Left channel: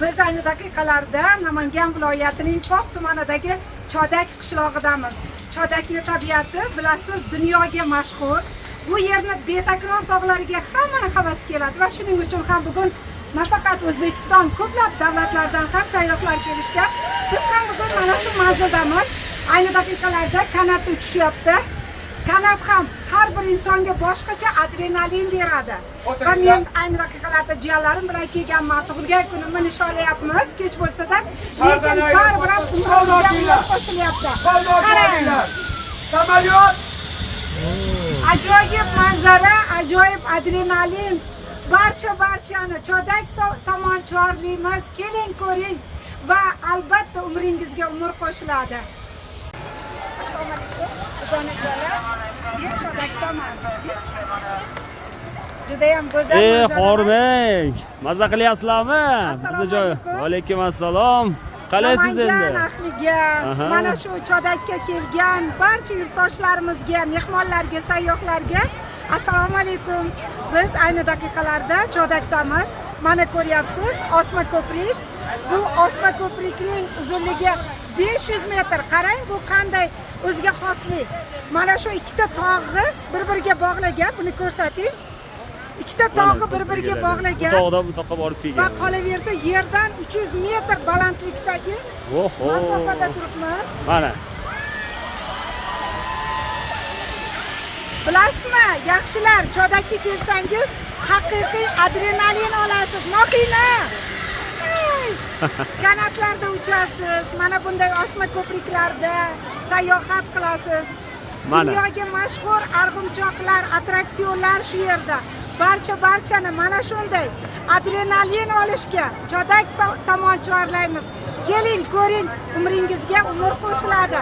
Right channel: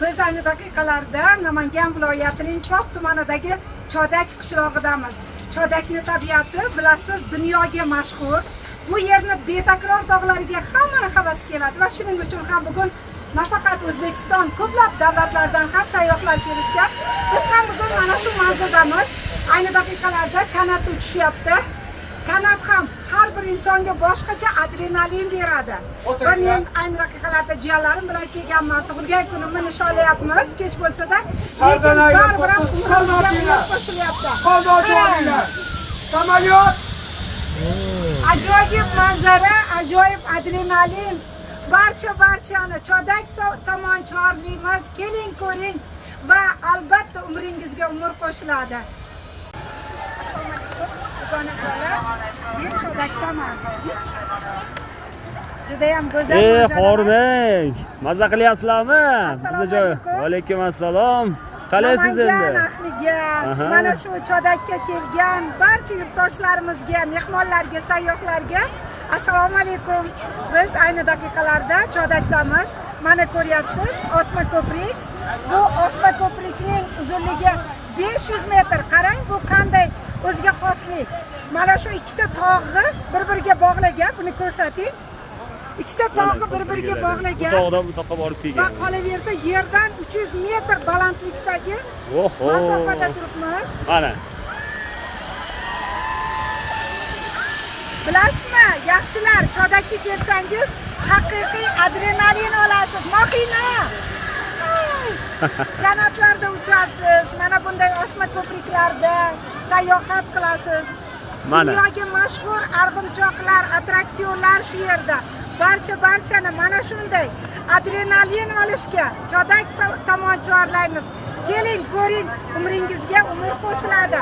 Biz ayni daqiqalarda Namangan viloyatining Pop tumanidagi Chodak qishlog'idamiz. Chodakning tabiati bilasiz, dunyoga mashhur. Bu yerni betakror tog'lariga hamma havas keladi va shuning uchun ham bugun nafaqat O'zbekiston, ko'plab davlatlardan ham sayyohlar kelishgan. Biz ham bugun mana shu manzildamiz. Ayni daqiqalarda kanat uchishyapti. Kanat ham har bir insonga boshqacha adrenalin beradi. Va men ayni daqiqalarda jiyanlarim bilan kelganman. Tug'ilgan kunimni nishonlayapmiz. Kech bo'lsa-da, lekin baribir ham umrimizga qo'shilyapti. Samolyot! Ajoyib manzara, ajoyib adrenalin. Barchani Chodak tomon chorlaymiz. Keling ko'ring va albatta umringizga umr qo'shiladi. Judayam go'zal. Xorbek, maza qilyapsizlarmi? Bizni joy. Alaykum assalom. Qalaysiz endi? Mana shu Chodakka kelgan barcha yurtdoshlarimizga, mehmonlarga, sayyohlarga assalomu alaykum. Biz ayni daqiqalarda Chodakdamiz. Mana ko'ryapsiz, osma ko'prik. Bu osma ko'prikning uzunligi 500 metr. Qarang, bu qanday o'ziga xoslik. Mana shu ikkita tog'i bir-biriga bog'lagan, buni ko'rsating. Ikkita tog'i bir-biriga bog'lagan. Tog'dan bu toqqa borib kelgan. Va qolaversa yerdan 300 metr balandlikdagi masofada turibmiz. Mana. Bilasizmi, yaxshilar, Chodakka kelsangiz, haqiqiy adrenalin olasiz. Mohina! Kanatlarda uchasiz, mana bunday osma ko'priklarda sayyohat qilasiz. Mana. Dunyoga mashhur arg'imchoqlar, attraksionlar shu yerda. Barchani mana shunday adrenalin olishga Chodak tomon chorlaymiz. Keling, ko'ring, umringizga umr qo'shiladi.